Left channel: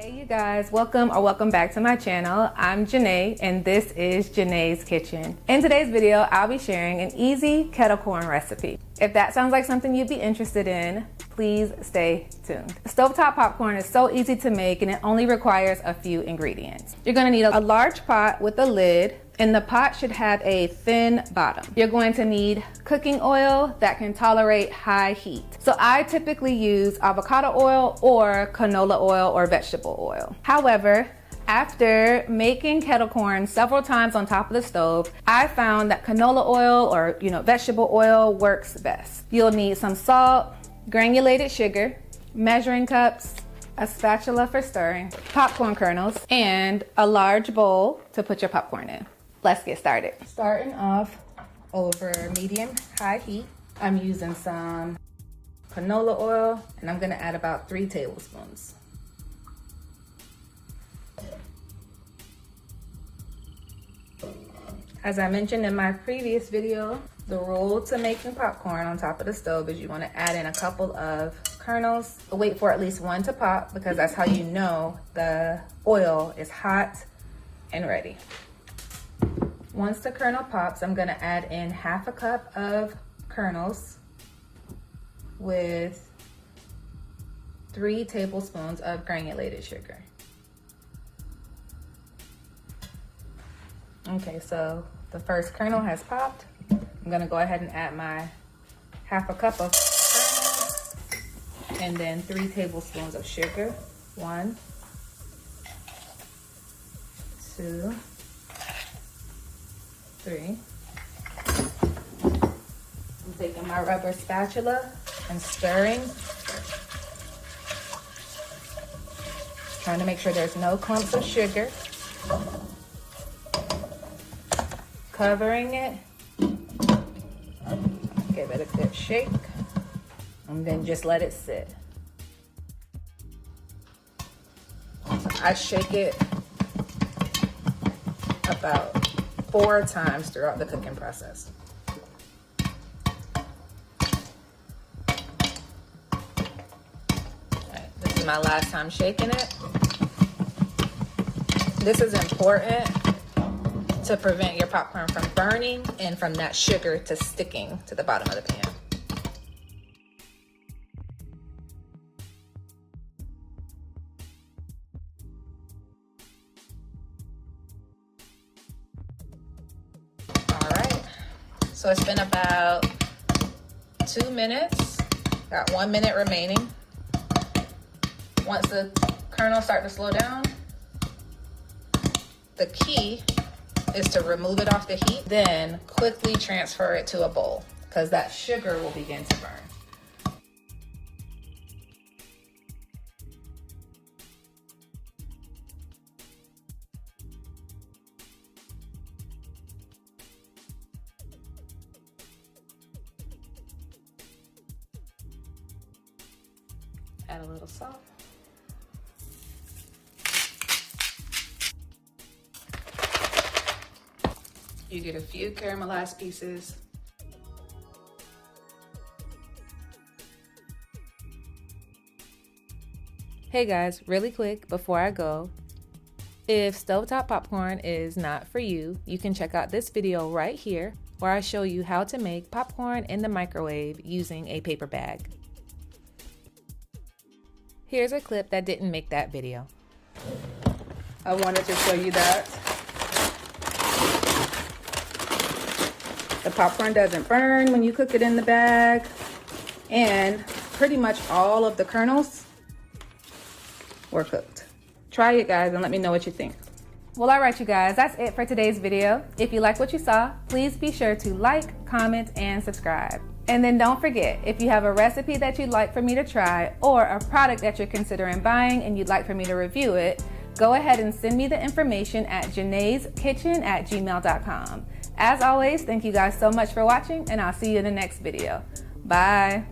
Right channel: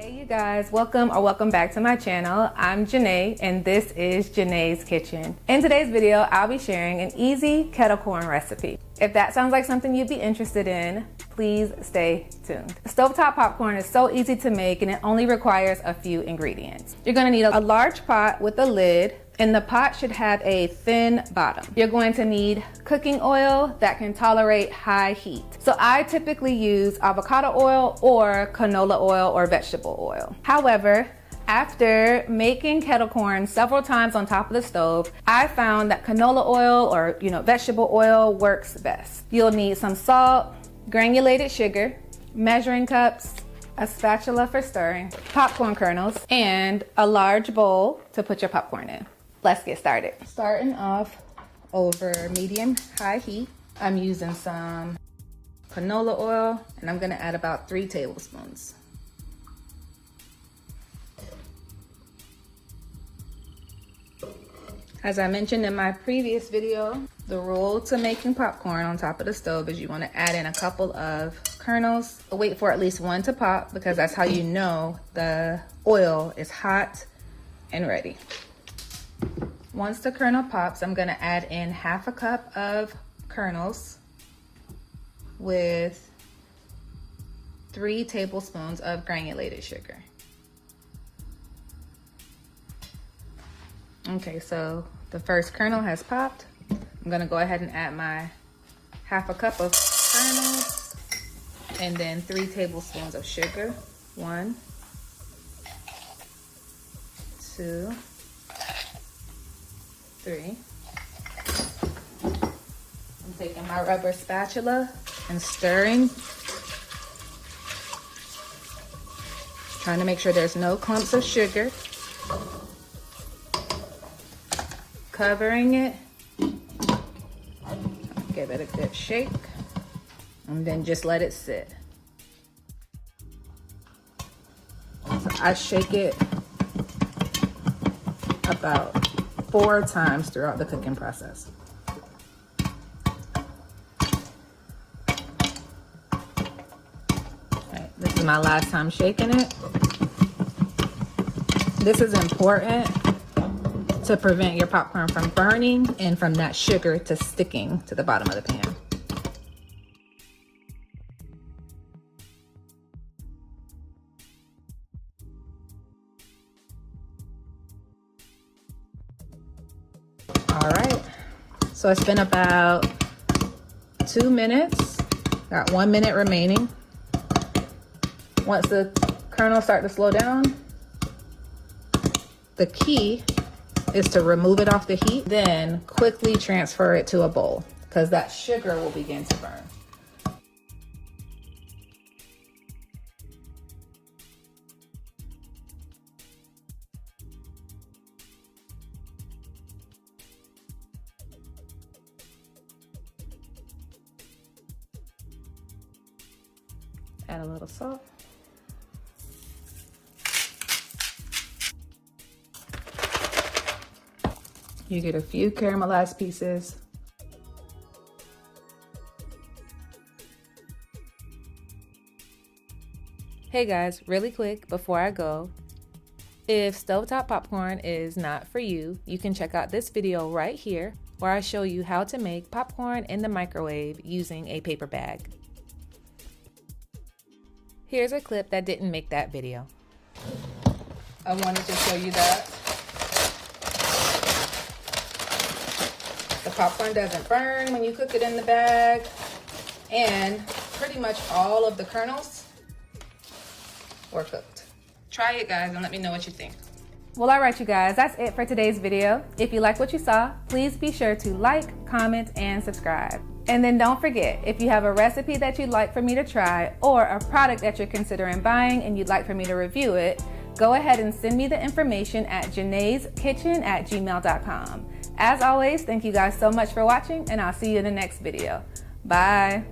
Hey you guys, welcome back to my channel. I'm Janae and this is Janai's Kitchen. In today's video, I'll be sharing an easy kettle corn recipe. If that sounds like something you'd be interested in, please stay tuned. Stovetop popcorn is so easy to make and it only requires a few ingredients. You're gonna need a large pot with a lid, and the pot should have a thin bottom. You're going to need cooking oil that can tolerate high heat. So I typically use avocado oil or canola oil or vegetable oil. However, after making kettle corn several times on top of the stove, I found that canola oil or vegetable oil works best. You'll need some salt, granulated sugar, measuring cups, a spatula for stirring, popcorn kernels, and a large bowl to put your popcorn in. Let's get started. Starting off over medium-high heat, I'm using some canola oil and I'm gonna add about 3 tablespoons. As I mentioned in my previous video, the rule to making popcorn on top of the stove is you want to add in a couple of kernels. Wait for at least one to pop because that's how you know the oil is hot and ready. Once the kernel pops, I'm gonna add in half a cup of kernels with 3 tablespoons of granulated sugar. Okay, so the first kernel has popped. I'm gonna go ahead and add my half a cup of kernels and then 3 tablespoons of sugar. 1, 2, 3. I'm taking my rubber spatula and stirring. Trying to make sure there's no clumps of sugar. Covering it. Give it a good shake. And then just let it sit. I shake it about 4 times throughout the cooking process. This is my last time shaking it. This is important to prevent your popcorn from burning and from that sugar to sticking to the bottom of the pan. So it's been about 2 minutes, got 1 minute remaining. Once the kernels start to slow down, the key is to remove it off the heat, then quickly transfer it to a bowl because that sugar will begin to burn. Add a little salt. You get a few caramelized pieces. Hey guys, really quick before I go, if stovetop popcorn is not for you, you can check out this video right here where I show you how to make popcorn in the microwave using a paper bag. Here's a clip that didn't make that video. I wanted to show you that the popcorn doesn't burn when you cook it in the bag, and pretty much all of the kernels were cooked. Try it guys and let me know what you think. Well, all right you guys, that's it for today's video. If you like what you saw, please be sure to like, comment, and subscribe. And then don't forget, if you have a recipe that you'd like for me to try or a product that you're considering buying and you'd like for me to review it, go ahead and send me the information at janaiskitchen@gmail.com. As always, thank you guys so much for watching and I'll see you in the next video. Bye.